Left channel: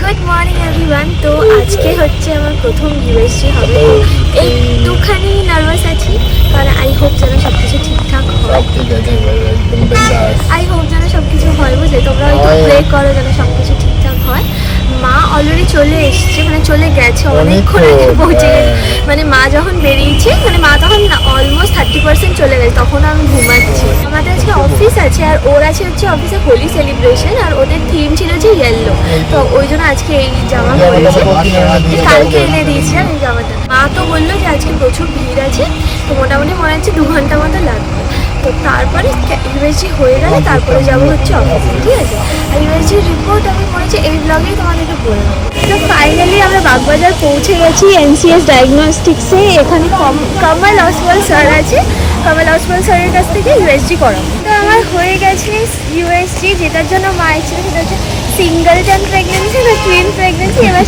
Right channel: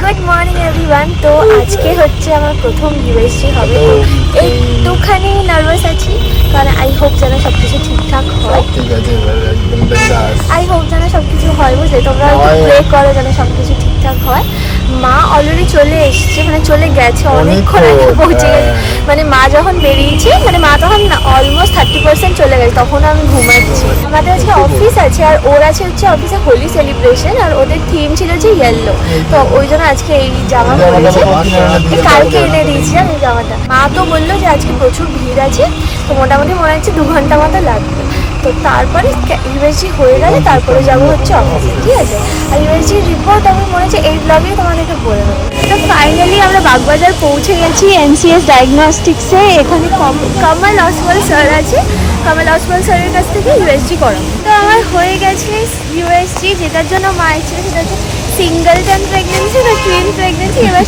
Good morning everyone. তো আজকে হচ্ছে আমার প্রথম ইউএসজি হবে, তো একটুখানি নার্ভাস আছি, কারণ আই হোপ যেন সব কিছু ঠিকঠাক হয়। আই হোপ যেন সব কিছু হয়, বুঝলে? তোমরা একটু প্রে করো যেন সব কিছু ঠিকঠাক হয়। মা অলরেডি চলে এসছে, মানে চলে গেছে, অনেকক্ষণ আগে পৌঁছে গেছে। মানে মা যখন বেরিয়েছে, মানে মা তখন অলমোস্ট 30% চলে গেছে, তখন আমি ঘুমাচ্ছি। আমাদের আজকে অফিস আছে, আর ওর আছে হচ্ছে অফিসে হোলি সেলিব্রেশন, আর ওদের থিম ছিল যে ইয়েলো। তো ওই জন্য আজকে এই জামা পরেছে, কালকে এনে দিয়েছিলাম এই জামাটা। মা তো বললো যে আজকে প্রচুর ভিড় আছে, তো মোটামুটি মনে হচ্ছে 2 ঘন্টা মতো লাগবে। তো তারপরে ইউএসজি হয়ে গেলে তারপরে যাবো হচ্ছে অফিসে, ঠিক আছে? আর ইউএসজির রিপোর্ট আমি মনে হচ্ছে এই ব্লগেই তোমাদেরকে বলে দেবো। তো ফাইনালি আমরা বাগবাজার পৌঁছে গেছি এনসিএস ডায়াগনস্টিক্সে। এখানে কমল অসওয়াল স্যার আছে, কমল অসওয়াল স্যারের কাছ থেকে ইউএসজি করাবো। তো আমার হয়ে গেছে ইউএসজি, যেটার জন্য মা এসেছিল সেটা হচ্ছে সিঙ্গেলটন প্রেগনেন্সি না টুইন প্রেগনেন্সি, এবার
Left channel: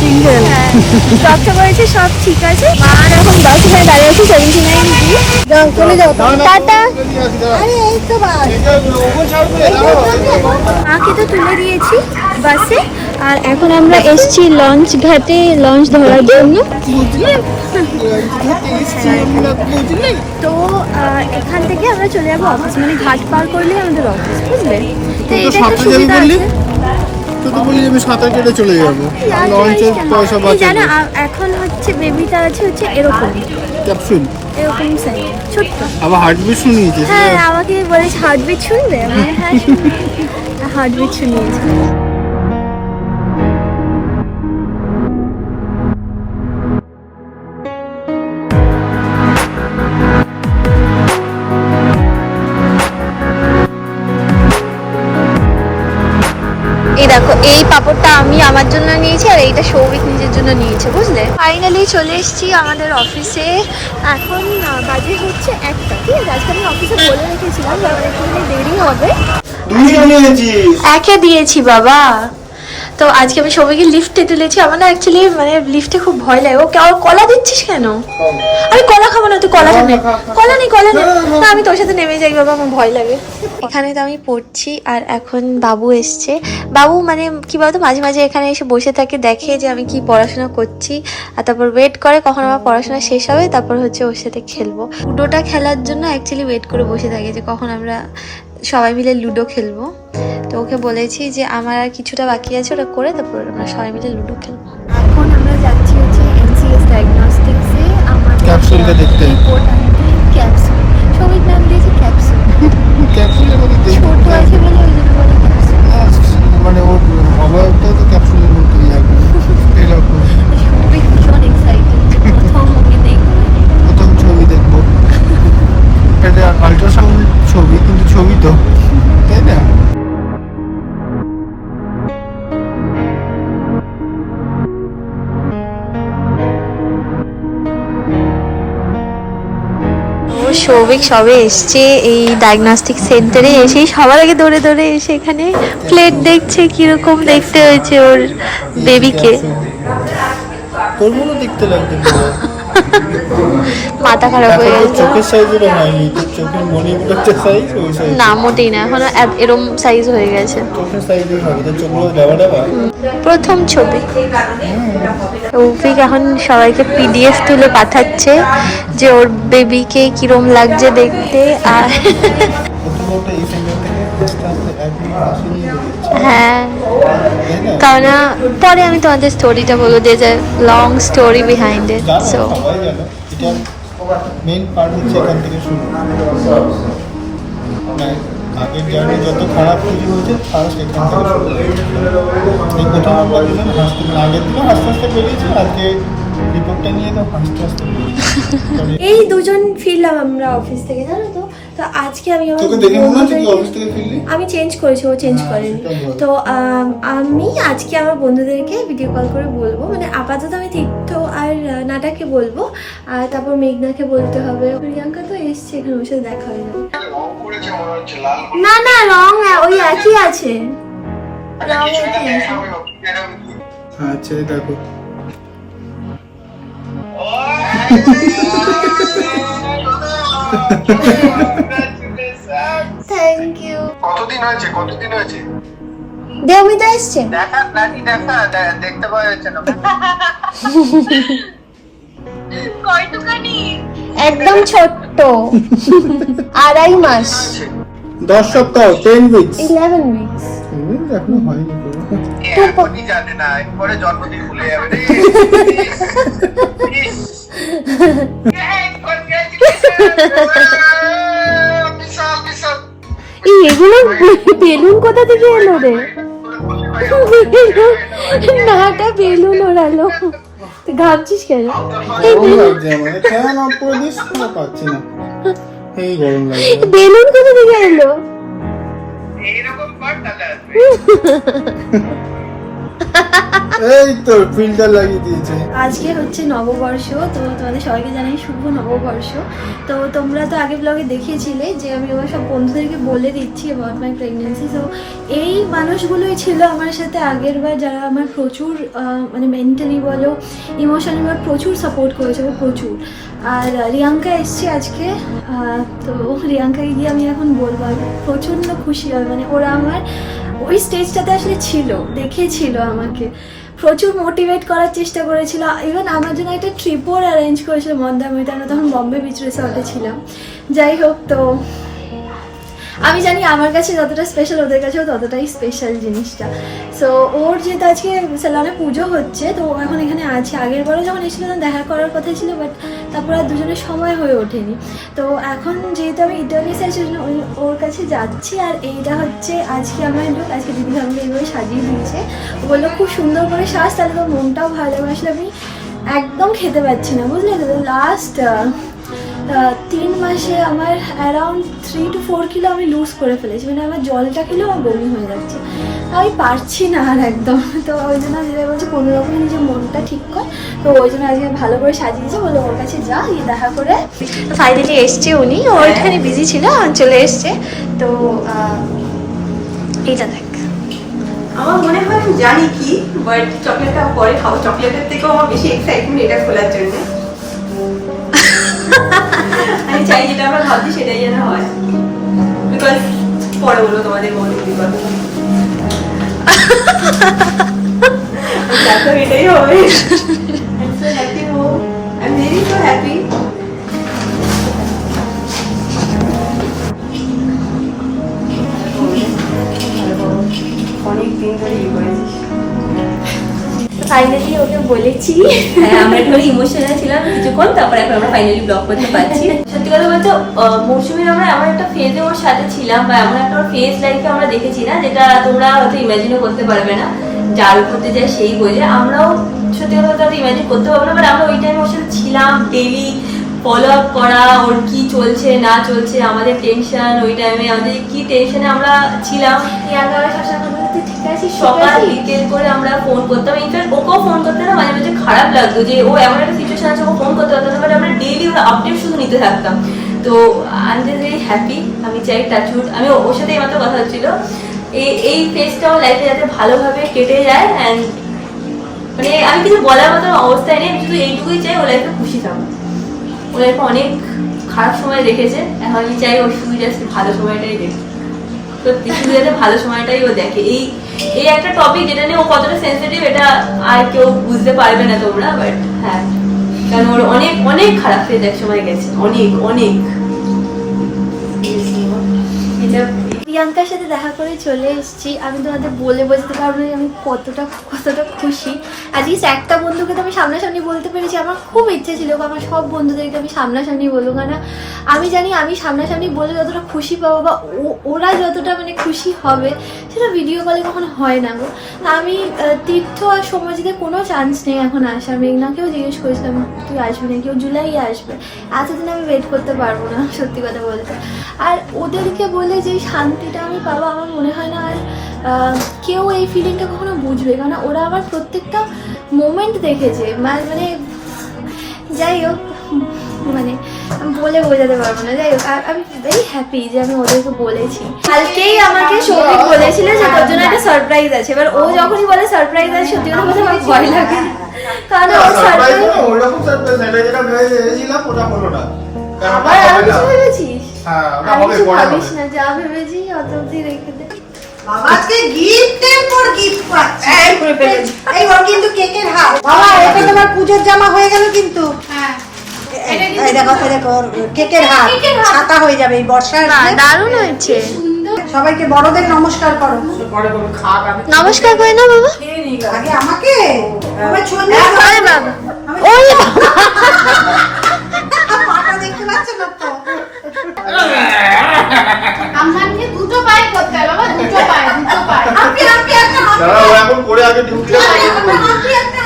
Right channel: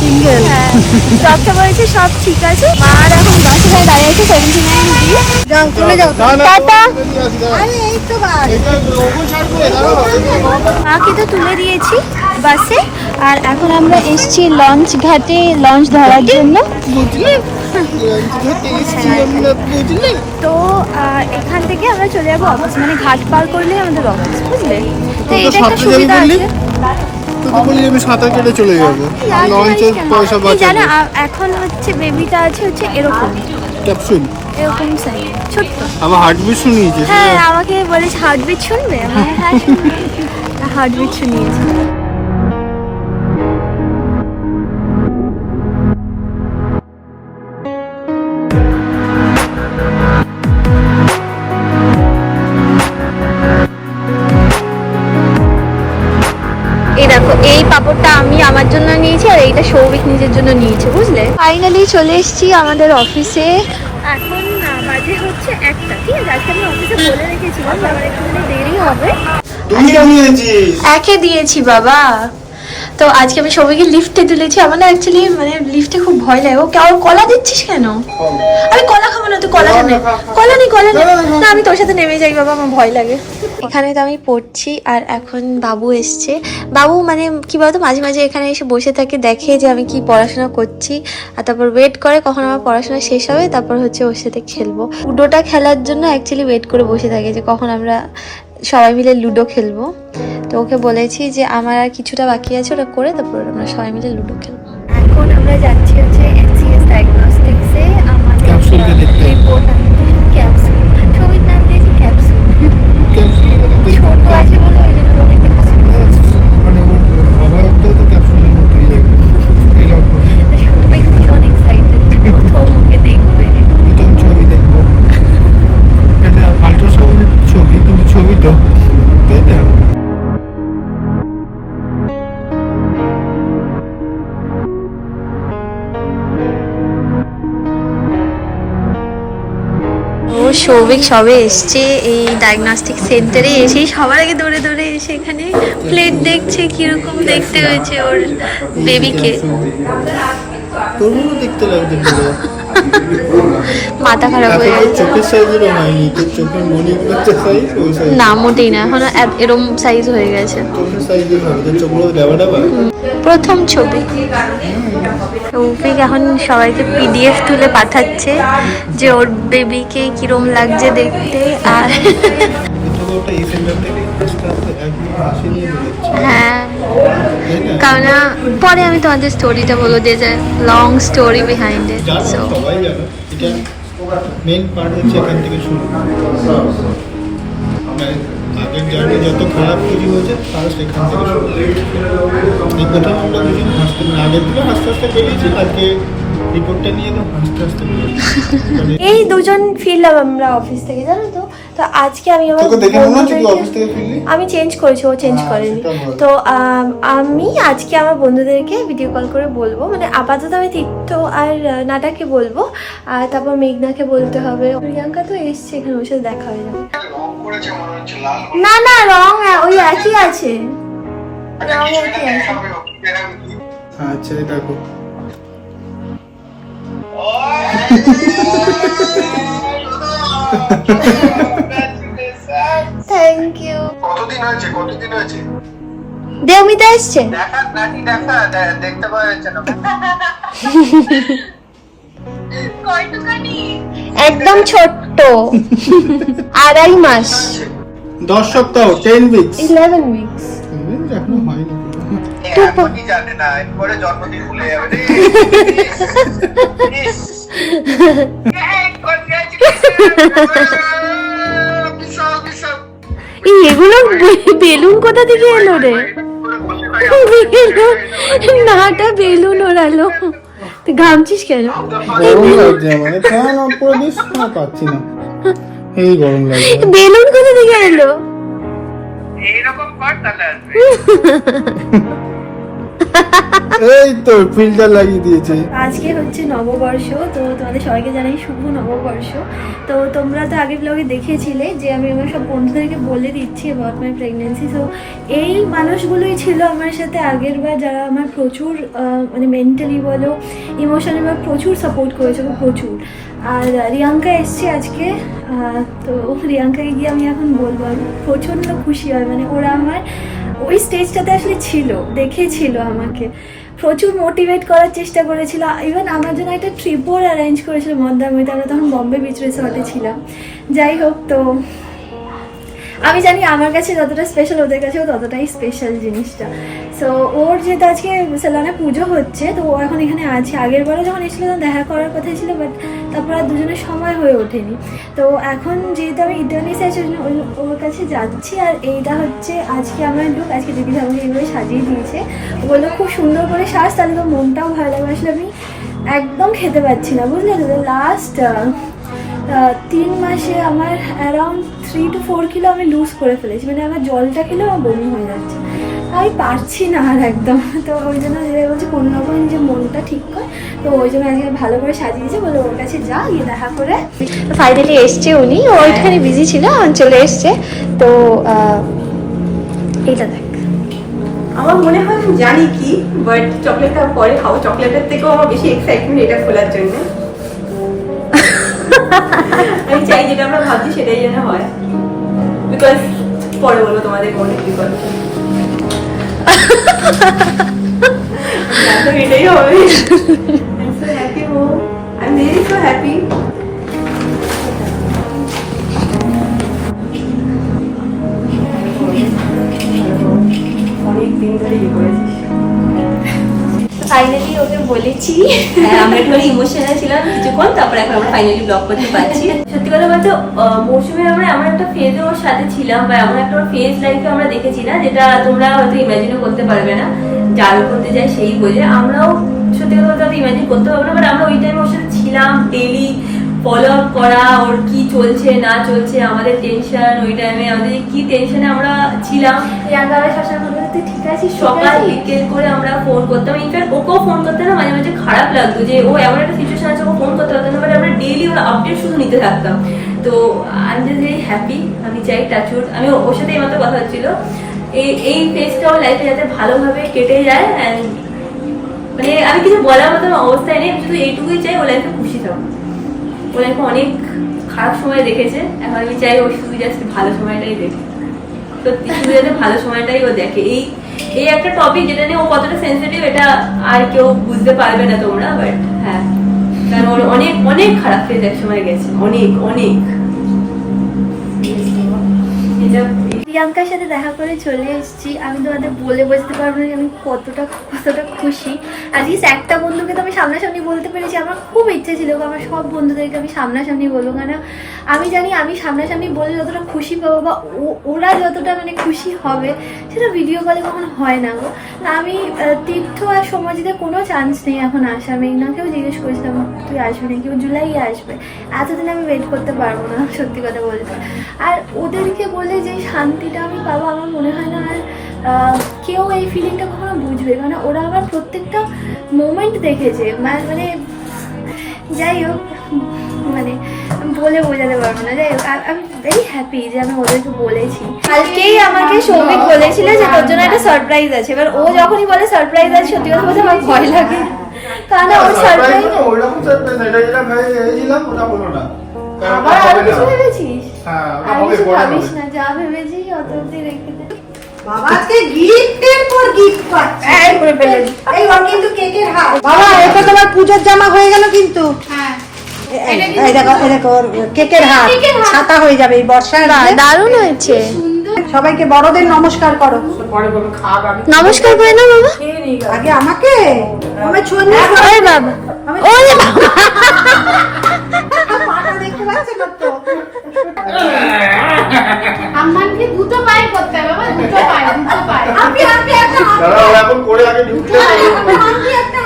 সিঙ্গেল। হ্যাঁ, ডক্টর বলেছে সব ঠিক আছে। মা আর এখন 10 এখানে দাঁড়িয়ে আছে 79 ডি। যাও চলে যাও, টাটা। আরে এই তো বাস, মাকে তো তুলে দিয়েছি বাসে, আর এখন আমরা এসছি লঞ্চ ঘাটে লঞ্চ ধরার জন্য, বুঝলে? তো এখান থেকে আমরা চলে যাবো অফিস, মানে ঘাট পার করলে আমাদের অফিস, বুঝলে? তো এটা একটা সুবিধা আছে। আমি সাঁতার কেটে চলে যাবো, লঞ্চের পয়সা বাঁচাবো। জানো এখন হচ্ছে বেবিটা আছে হচ্ছে এরকম ক্যাপসুল, এরকম সাইজ, ছোট্ট। আবার হার্টবিট শুনিয়েছে। হ্যাঁ, আমাকে বলেছে হার্টবিট শুনবে, আমি হ্যাঁ হার্টবিট শুনিয়েছে। এই দেখো, এই পাপড়টা আমি আমার জন্য নিয়েছি, আর এইটা সৌভিক নিজের জন্য নিয়েছে, বুঝলে? ফাইনালি চলে এসেছি আমাদের অফিসে। এখন বাজে হচ্ছে 1টা, ঠিক আছে? আজকে আমি অফিসে বলে রেখেছিলাম যে আমার একটু দেরি হবে। একে দিয়েছি বাবা। তো আজকে আমি সবাইকে লিফটে তুলেছি। আমার না অ্যাকচুয়ালি মানে লিফটে খুব ভয় লাগে। ও কলা দিচ্ছিস কেন? আমি কলা খাবো না, তুই কলা খাবে? কলা নেই, কলা নেই। না, আমি তোর সাথে নেমে যাই বাবা, আমার ভয় লাগে। এখানে তো আমি পড়ছি, আর এখন বাবু এসছে। বাবু মানে কি বলতো, মাঝে মাঝে এখানে এসে বসে থাকে, দেখে যে আমি কি পড়াশোনা করছি, আর তারপর ওয়েট করে কখন আমার পড়াশোনা শেষ হবে, তারপর হচ্ছে ওর সাথে খেলবো। লুডোটা খেলার জন্য অ্যাকচুয়ালি ওয়েট করে বসে থাকে যে কখন আমরা সবাই মিলে লুডো খেলবো। তো ওকে বলেছি যে আমার আর কিছুটা বাকি আছে, ওটা করে তারপর আমরা সবাই মিলে লুডো খেলবো। এখন আমরা যাচ্ছি হচ্ছে এনসিএস ডায়াগনস্টিক্সে আমাদের ক্যাপসুলটা দেখতে। রিপোর্ট আনতে। ক্যাপসুল, সবিক নাম দিয়েছে ক্যাপসুল। ছোট আছে বলে ওই জন্য বলে ক্যাপসুল। মানে ওর আমারটা তো ক্যাপসুলের মতোই লাগে। সবিক ভীষণ এক্সাইটেড, প্রথম ওকে দেখবে, প্রথম ছবি দেখবো। এটা আল্ট্রাসাউন্ড ছবি, কিন্তু ছবি তো, তাই না? ও সৌভিক সবে এসছে এই ডায়াগনস্টিক সেন্টারে। এসেই সবার আগে দৌড়ে দৌড়ে এসে এখানে প্লেট দেখছে কিরকম দেখতে হয়েছে ওর বেবিকে। তোর মনে দেখতে লাগবে, মাথা খারাপ হয়ে যাচ্ছে। চোখের সাইজের হয়নি, তোর চোখের মণিপুরের সাইজ ওই সাইজ না, মোটেই না, এখন এরম সাইজ হয়ে গেছে। চোখের সাইজই হবে, তোর চোখগুলো লেবা লেবা। প্রথম ছবি। সৌভিক এখন সবাইকে পিডিএফ তুলে পাঠাচ্ছে যে ওর বেবিকে কিরম লাগছে দেখতে। আর হ্যাঁ, কারণ পরে আমি তোমাদের স্টোরিটা বলবো, যে long story behind it. So main part হচ্ছে এখান থেকে শুরু। আগের জার্নি যত খারাপ কিছু হয়েছে ফার্স্ট এখান থেকে শুরু। এই প্রথম আমরা দুজন হাসতে, আগের দিকে হাসতে হাসতে বেরিয়েছি, আজকে রিপোর্টটা নিয়ে তো হাসতে হাসতে বেরিয়েছি। এই দুজন ফিরলাম আমরা অফিস থেকে, জানো তো। তো আজকে আমি আমার আমি চেঞ্জ করেছি, ও চেঞ্জ করেনি। তো আমি আজকে আমার বন্ধুদেরকে ভিডিও কল করে বলবো, মানে আপাতত আমি তীর্থ আর নাটাকে বলবো, আর তারপর মেঘনাকে বলতে হবে। প্রিয়াঙ্কা তো এসছে এখানে, ওর সাথে দেখা হয়ে যাবে। না না, রং ওই একই আছে, রং একই আছে। আচ্ছা দেখো, থ্যাংক ইউ। কতদিন হয়েছে দেবমিতা এসছে। দেখা নাটি দেখা দেখতে পাওয়া যাচ্ছে না। কয়টুখানি? একদম ছোট্ট, 2.5 মাস। 10 সপ্তাহ, 10 উইকস। 11 উইকস। এখনো হয়নি। এখনই জানে না, এরপরে জন্মদিন ভুলে যাবে রে। এগুলো বেলুন কোথা থেকে এলো রে? নাটা বেলুন ওড়ালো। তুই ঘামছিস কেন? বেলুন কোথা থেকে এলো? এইরকম কর তাহলে আসবে। এই তো ফিল্টার লাগিয়ে দিয়েছে। আজকে হচ্ছে নববর্ষ, তো তোমাদের সবাইকে জানাই শুভ নববর্ষ। তো তোমরা তো আগের ব্লগে দেখিয়েছিলে যে আমি আমার সব বন্ধুদেরকে বলে দিচ্ছি অ্যাবাউট মাই প্রেগনেন্সি। সো এই মানুষগুলোই ছিল আমার সাথে আগের বার, যারা আমার প্রচুর মানে মেন্টালি বলো ইমোশনালি বলো প্রচুর সাপোর্ট করেছে, প্রচুর। আর রিয়াঙ্কা এসছে আজকে, তো রিয়াঙ্কাকে গিয়ে আমি এখন বলবো আমি প্রচণ্ড খুশি হয়। মানে ওরা আমার ওই স্টেজটাতে আসলে ছিল, দেখেছিল আমাকে, প্রচুর মোটিভেট করার চেষ্টা করেছিল। ইভেন আমার জন্য একটা ট্রিপও অ্যারেঞ্জ করেছিল মন্দারমণিতে। আমরা তখন বম্বে বিচ রিসর্টে ছিলাম। যাই হোক, তো আমি জানি আমার কাছে যতটা স্পেশাল ওদের কাছেও ততটাই স্পেশাল জিনিসটা। সো ওর যেহেতু আজকে সেলনে পুজো হচ্ছে, তো ও এখন এখানে আছে। আগের বারে যখন এসেছিল তখন দেখা করার কথাই ছিল, বাট তারপর আর দুজনের সময় হয়ে ওঠেনি। তো এখন যেহেতু আমি ইটালিতে আছি ওর কাছে যাচ্ছি। আর এইটা হচ্ছে আজকে আমার লুক। আজকে দিদি আমাকে এইভাবে সাজিয়ে দিয়েছে। ও বললো খুব সুন্দর করে সাজ, তাহলে তো মনটাও ভালো লাগবে। আসলে আমি একদম খেতে পাচ্ছি না, বুঝলে তো। লাস্ট 3 মাসে আমার অ্যারাউন্ড 3 to 4 কিলো আমি লুজ করে ফেলেছি। মানে আমার জলটা খেলেও আমার বমি হয়ে যাচ্ছে, আমি পারছি না আর একদম। তো ওই জন্য যেটা বলছি কোনো রকম নিজের মনটা ঠিক কর। তো ওই জন্য আজকে ভালো করে সাজিয়ে দিয়েছে, বলে ওর কাছে যা, গিয়ে দেখা করে। ফাইনালি এসছে উনি, ও ওইখানে বিজি ছিল, চলে এসছে। তো এইটা দেখ, আমার মনে হয় আমি জানি কি, বাট চকলেটটা পরে খাবো। চকলেটের থেকেও আমার বেশি এক্সাইটমেন্ট এটা খোলার জন্য। আমি চাই যেটা আমরা ভাবছি সেটাই যেন হয়, বিকজ পরে বলবো তোমাদের মনে বিকজ এটাই হবে। I'm very so happy. অনেক দিন ধরে ইয়ে করেছিস। ফাইনালি ওকে বলেছি। হ্যাঁ, আমরা একটু ইমোশনাল ছিলাম কিছুক্ষণ, তারপর এখন আমরা ফাইনালি ব্লগ করতে পারছি। সত্যি কথা বলতে মৌসুমীর আমরা এমন একটা ফেজে ওর সাথে ছিলাম, বা এমন একটা ফেজ লাইফে আমরা দেখেছি না, যেটা তোমরা হয়তো ইমাজিনও করতে পারবে না। যার করতে যায় সেই বোঝে। আমরাও সত্যি কথা বলতে ইমাজিন করতে পারবো না, বাট আমরা ওই টাইমে ওর সাথে ছিলাম। ডেইলি ফলো আপ করা, ওর কি চলছে না চলছে, আমাদের টেনশন, ওই টাইমে আমাদের কি টেনশনে আমরা ছিলাম। তুই ঠিক আছিস? সকাল বিকেল করে আমরা ফোন করতাম। ইনফ্যাক্ট ওকেও ফোন করতে না মাঝে মাঝে খারাপ লাগতো যে ও এমন একটা সিচুয়েশন আছে, ওকে ফোন করতে পারতাম না, বাট আমরা ডেইলি আপডেট শুধু নিতে থাকতাম। তো I am just very happy. আমি চাই টাচউড, আমি ওর সাথে এইমাত্র কথা হচ্ছিল, এই ফেজটা আমার লাইফে যাতে ভালোভাবে কেটে যায়। অ্যান্ড মানে আমি কিছু বলার মতো অবস্থায় নেই, শুধু এইটুকুই চাই ও লাইফে খুশি থাকুক। ও লাইফে অনেক খারাপ সময় দেখেছে, এখন আমি চাই ও শুধু জাস্ট ভালো সময়টাই দেখে। সত্যি শুধু যাতে ভালো সময়টাই ও দেখে। এই একটা টপিক যেটা নিয়ে ও কতটা সেন্সিটিভ এটা আর কেউ বুঝতে পারবে না তোমরা, বাট হ্যাঁ, কারণ ওর অনেক অনেক খারাপ ফেজ এক সময় গেছে, অনেক অনেক। প্রিয়াঙ্কার সাথে দেখা করে চলে এসেছি। আমি তোমাদের বলে বোঝাতে পারবো না আমি কতটা খুশি। অ্যাটলিস্ট একটা বন্ধুকে তো আমি সামনাসামনি বলতে পেরেছি। আমার খুব ইচ্ছা ছিল আমার সব বন্ধুদেরকে আমি সামনাসামনি বলবো, কারণ আমি জানি আমি সামনাসামনি বলে যতটা খুশি পাবো বা ওরা যতটা মানে খুশি হবে সেটা ভিডিও কলে কখনো হয় না গো। আমি তীর্থ আর সমাজিতে কোনো চান্স নেই এখন আসার। মেঘনাকেও জিজ্ঞেস করেছিলাম তুই আসবি না, কেউ জুলাই আসবে। এতদিন আমি ওয়েট করতে পারবো না সত্যি কথা বলতে। আর ওদেরকে বলে যে শান্তিটা আমি পাবো, আমার মনে হয় না আর কেউ এই ফিলিংটা কখনো বুঝবে, কারণ ওরা আমার প্রত্যেকটা মোমেন্ট দেখেছে। মানে যাই হোক, মানে বলে বোঝাতে পারবো না। যাই হোক, আমি ভেরি হ্যাপি যে আমি ওদেরকে বলেছি। কালকেই আমাকে সৌভিক বলেছিল যে তোর জন্য একটা সারপ্রাইজ আছে। এবার ও যখনই বলে সারপ্রাইজ আছে, সত্যি কথা বলতে আমার ভয় লাগে, কারণ ওর সারপ্রাইজ আবার আরো কিছু ভেবেছিস। আর কিছু ভাবিস না, যা ভেবেছি অত অব্দি রেখে দে। বাবাকে গিফটের পর গিফট পাচ্ছে। এই করে ফেলেছি। এই ওর কিন্তু কেকের হাত। বাবা এটা তোমার পূজার জামা হয়ে গেল কিন্তু। হ্যাঁ। এই দেখো ওর কেকের হাত। ছাতা হয়ে যাবে এই বর্ষার। বাহ, দারুণ হয়েছে। সবাইকে বড়দের নমস্কার করো। নমস্কার করে না বাবা। আগে আমাকে আমার ছবি ওই বাবা, পাটা দেখতে পাচ্ছ না তো? আমাকে দুটো পায়ে করতে হয় বাবা, দুটো পায়ে। আপনি আপনি একটা দাঁড়াও, ও এখন করে আগে ঢুকতে হবে। আপনি একটা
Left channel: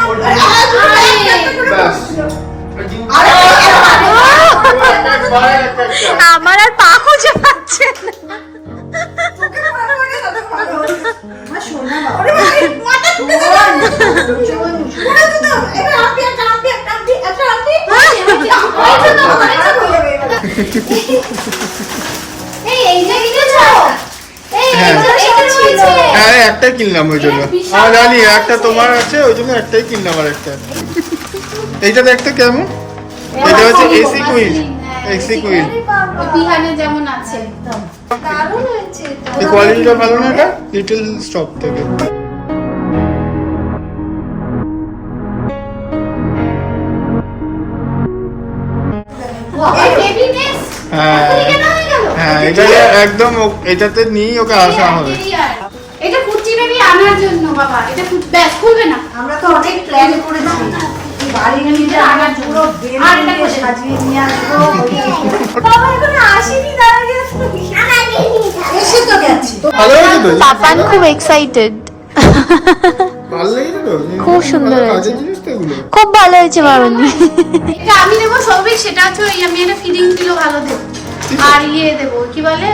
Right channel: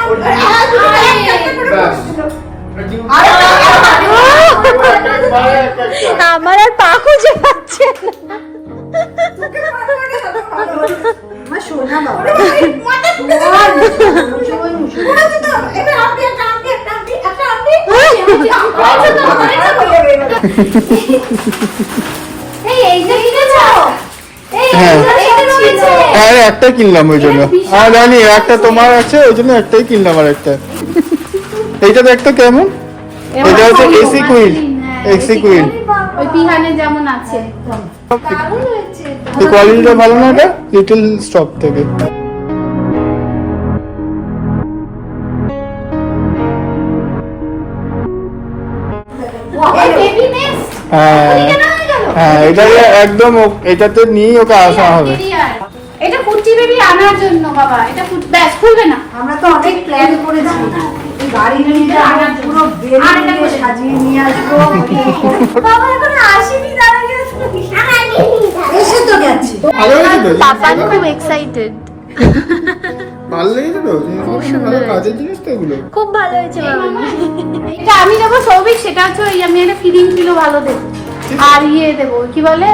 আমার আর পা খুঁজে পাচ্ছে না। আমার সোনা বাবা। এই এইটা কিনেছো? এই হ্যাঁ। এইটা রয়েছে। হ্যাঁ একটা কিনলাম ওই জন্য। হ্যাঁ জানি একটা তোমার আছে ওই জন্য একটাই কিনলাম আর একটা। এইটা দেখতে কেমন? এটা হচ্ছে এসি কুইল। AC queen. ওই বিহানে যেমন আছে। দারুণ হয়েছে। এই কোয়ালিটিটা ভালো না এটা? লিটল স্টপ থেকে। এই বেবি নেক্সট। হ্যাঁ কেন হয়ে গেল? হ্যাঁ এটা একদম এটাতে নিয়ে ওকে আসা হবে। এটা কুচি বেবি আনার জন্য বাবা। এটা ব্যাস খুলবে না। আমরা তো অনেক প্ল্যান করেছি এই বাড়ি নিয়ে আনার জন্য আরেকটা করে সাজিয়ে নিয়ে আসবো। বাবা এখনো আসেনি, দাঁড়া গেছে। এসে তো গেছে। ভালো হয়েছে তো? পাপান খুব এক্সাইটেড। ভালো লেগেছে তো? খুব সুন্দর ভালো কাজের হয়েছে। জিনিস তো এগুলো। খুব ভালো হয়েছে মামনি। এটা আমি নেবো সৌভিক, সেটা হচ্ছে ওই আমি একটা ফিডিং দিলো ভালো দেবো। আর ইয়ে দেবো কি বলে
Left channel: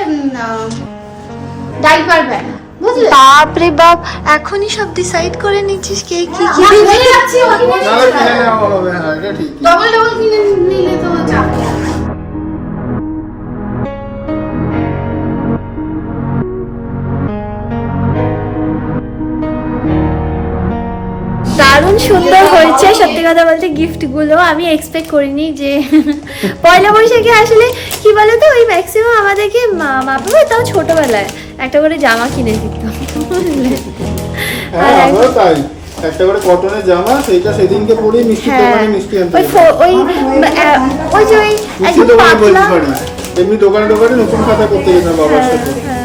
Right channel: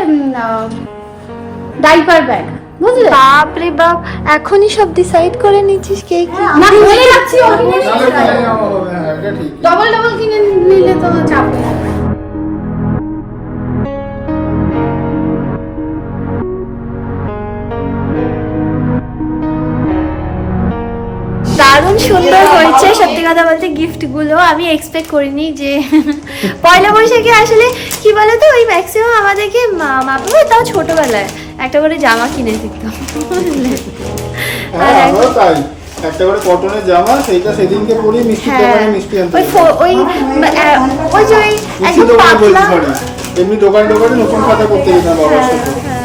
ডাইপার ব্যাগ, বুঝলে? বাপ রে বাপ, এখনই সব ডিসাইড করে নিচ্ছিস কে কি কি না, দিবি? হয়ে যাচ্ছে, ওকে নিয়ে তাহলে কিনে নেওয়া হবে, হ্যাঁ, এটা ঠিক। ডবল ডবল কিনে নিলে তো চাপ নেই। দারুণ সুন্দর হয়েছে সত্যি কথা বলতে। গিফট গুলো আমি এক্সপেক্ট করিনি যে পয়লা বৈশাখে আসলে কি বলতো ওই ম্যাক্সিমাম আমাদেরকে মা বাবা তাও ছোটবেলায় একটা করে জামা কিনে দিত, বুঝলে? আর হ্যাঁ, এখন- আমারও তাই। একটা করে কটনের জামা, সেইটা সেদিনকে পরেই মিষ্টি হ্যাঁ দোকানে মিষ্টি আনতে ওই যেতাম। ওই ওই যে ওই মিষ্টি একদম দোকানে বলতে পাতলা। পারি। এমনি দোকানে নতুন খাতা করতে যেতাম বাবার হ্যাঁ, সাথে। হ্যাঁ।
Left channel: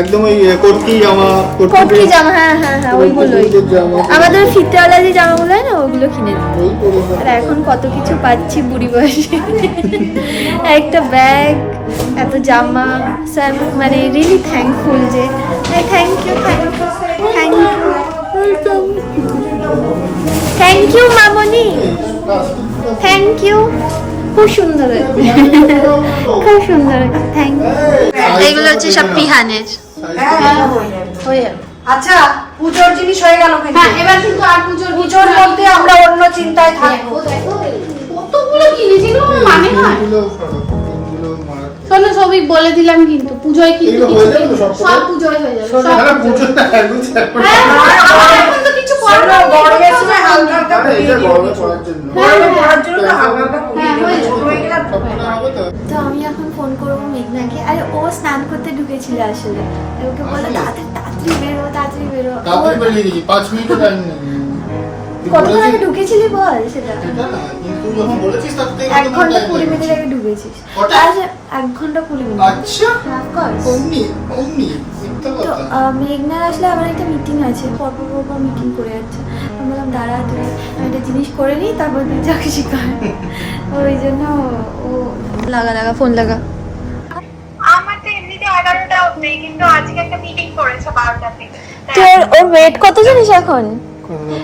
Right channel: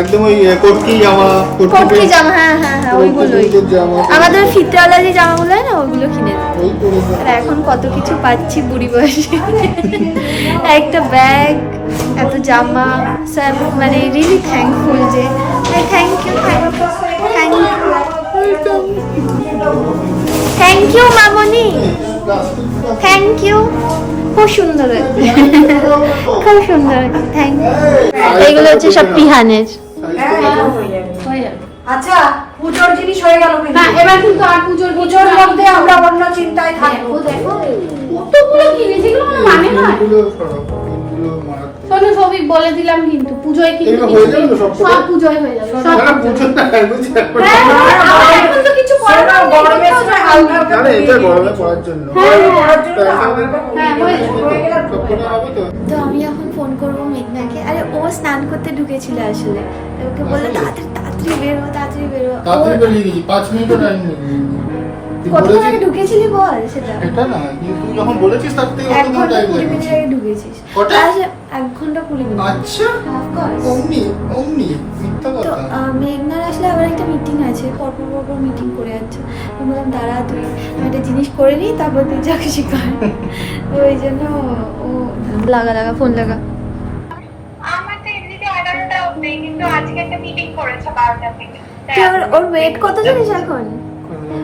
একদম ওই কটকি জামা, কটকি জামা, হ্যাঁ হ্যাঁ হ্যাঁ ওইগুলোই। কটকির জামা। আমাদের ফিতেওয়ালা যে জামাগুলো হয় না ওগুলো কিনে দিত। ওই পরে যেতাম। আর এখন কত কিছু পাচ্ছি বুড়ি বয়সে। একটা ব্যাগ, এত জামা, সব মানে রিয়েলি থ্যাঙ্কফুল যে thank you thank you thank you thank you মামনি, থ্যাংক ইউ। খুব সুন্দর হয়েছে, খুব সুন্দর হয়েছে, থ্যাংক ইউ। এইগুলো হচ্ছে সব পিহানের। হয়ে যাবে। আচ্ছা পুজোর জিনিস হয়ে গেল কিন্তু। না এবার কিন্তু আর পুজোর মধ্যে আমরা অন্য চিন্তায় থাকবো। দেখো কতগুলো কিনেছি, এগুলো আমার মানে হয়। পিনগুলো সরো, পিনগুলো মারাত্মক। শোনো সৌভিক বলে দিলাম কিন্তু পুজোয় কিন্তু এগুলো হয়ে যাবে তো সব সব পুজোয় হয়ে যাবে, সব না, না, পুজোয়। পুজো না, এগুলো এখন। হ্যাঁ, আমার এখন তো কিছু করার নেই, গরমের কোথাও সময় যাইনি। হালকা আরে, এটা গরমে পড়ার জন্য। হ্যাঁ, হ্যাঁ, হ্যাঁ, হয়ে যাবে। সবকটা হবে তো? তো আমি এখন ফোন করবো মেঘনাকে। আরে ও স্নান করতে ঢুকেছিল আসলে, তো ওকে বললো তাড়াতাড়ি তাড়াতাড়ি বেরো, তাড়াতাড়ি বেরো। তাড়াতাড়ি ও- বেরিয়ে গেছি, 5 মিনিটও টাইম নেই। তুই কতক্ষণ বলেছিস- আগে ঢুকেছিলি বল সেটা? এটা না, কিন্তু তুই যখন বলেছিস তার থেকে 1 অতটা ঘন্টা time 20 মিনিট লেগেছে। আগে ঢুকেছিস। কটা? আচ্ছা 1 ঘন্টা 20 মিনিট। আচ্ছা, Of course। অমনি, মিথ্যা তো কথা। মেঘনার আসলে আবার একটা মিটিং আছে, পরপর মিটিং করে যাচ্ছে। আমি বললাম দাঁড়া তুই আমি একটা জিনিস করে নিই তারপর তুই যা কিছু কর। ওই জন্য ও লাগা ফোন লাগা। আমার তো এমনিতে 11টা অবধি, কিন্তু আজকে একটা মিটিং করেছে 12টা থেকে। তোর ওর ওয়েট কত জানিস এখন?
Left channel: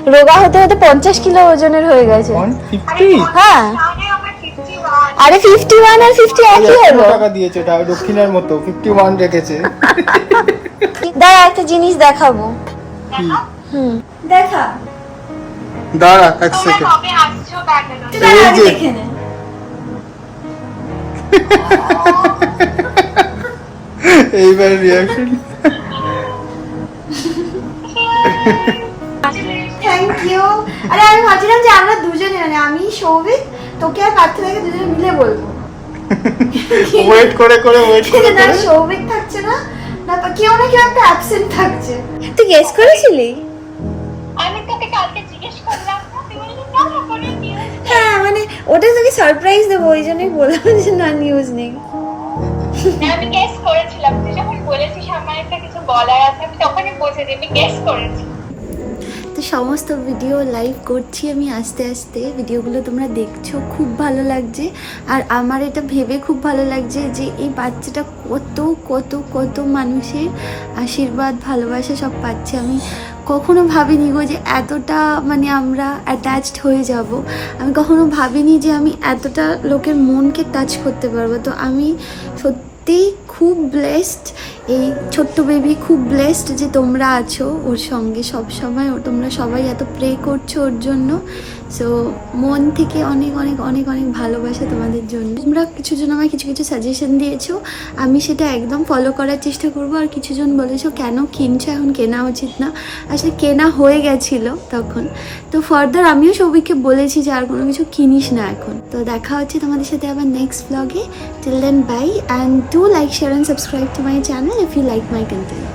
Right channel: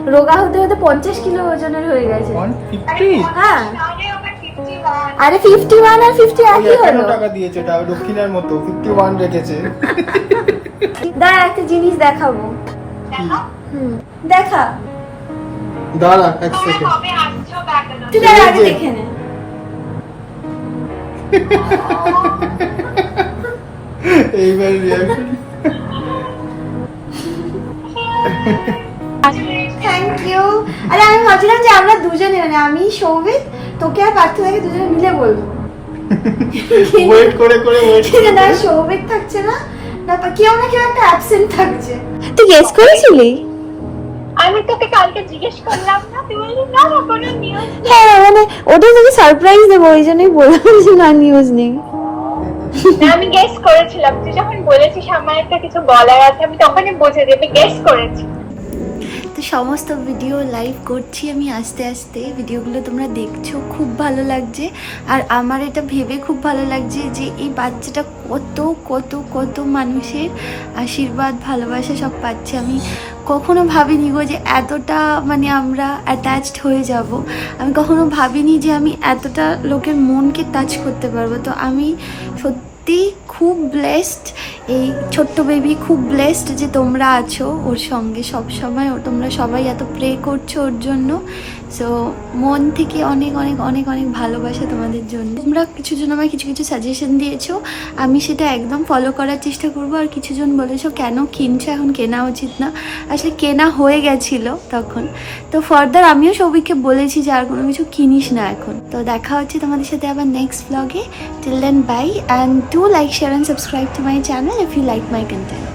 রোগা হতে হতে 50 কিলো ওজনের হয়ে গেছে। 150? হ্যাঁ আগে আমার 51। আরে 51 আর 50 একই হলো। টাকা দিয়েছে, এটা দক্ষিণের মতো 51 রেখেছে। দাঁড়া একটা জিনিস দেখাবো। হুম দেখা, দাঁড়া এক তোমরা সেকেন্ড। কবে আসছো ব্যাঙ্গালোর? তুই দাঁড়া আগে এই যে। দেখে নে। এইবার রিয়াকশন। Thank you. আরে আমি ভাবছিলাম যে আমরা দুজনে মানে আমি সৌভিক তোকে আর পার্থিবাকে দুজনে মিলে বলবো। ওয়েট করে ওয়েট কিন্তু না সৌভিক থাকছে না, না তো কেউ না কেউ একটা অ্যাবসেন্ট থাকছে। তুই গেস করেছিলি? আমি তোকে কালকে জিজ্ঞেস করলাম না, তুই বললি না না কোনো নিউজ। হ্যাঁ মানে ওটা তোকে সারপ্রাইজ দেবো ওই জন্যই বললাম যে না নিউজ নেই। আমি গেস করেছিলাম, তুই যখন বলেছিস আমার একটা কিছু বলার আছে আমি তখনই বুঝেছি আমি গেস করেছি। তো সমস্ত ভিডিও লাইভ করছি আমি আস্তে আস্তে, ভিডিওগুলো তোমরা দেখছো, খুব ভালো লাগছে। আর আমার এটা ভেবে খুব ভালো লাগছে যে এই বাচ্চাটা কত কত কত মানুষের আশীর্বাদ ভালোবাসা সব পাচ্ছে। আমি কখনো ভাবিনি গো যে এতটা মানে আমরা অ্যাটাচড হয়ে যাব। আমি কখনো ভাবিনি যে আমি এতটা লোকের মনকে টাচ করতে পারবো। তো আমি সত্যি খুব ব্লেসড, এই ছোট্ট বেবি খুব ব্লেসড যে তোমরা আছো ওর সঙ্গে সব সময়। তোমরা সবাই এত প্রে করছো ওর জন্য। সো মন থেকে অনেক অনেক অনেক অনেক ভালোবাসা তোমাদের জন্য। তোমরা কিছুজন আমায় কিছু কিছু সাজেশন দিয়েছো, আমি সেটা একদম ফলো করার চেষ্টা করবো। আর কিছুজন বলেছো কেন কিনছো, এখন কেনা উচিত না। আসলে কেনা হয়ে গেছিলো তখন। তো ফার্দার আমিও সবাইকে বলেছি যে আর কোনো কিছু কিনিস না এখন। তো দেখা হচ্ছে তোমাদের সাথে আবার নেক্সট ব্লগে। Till then bye, and do like, share and subscribe to my channel if you like my content.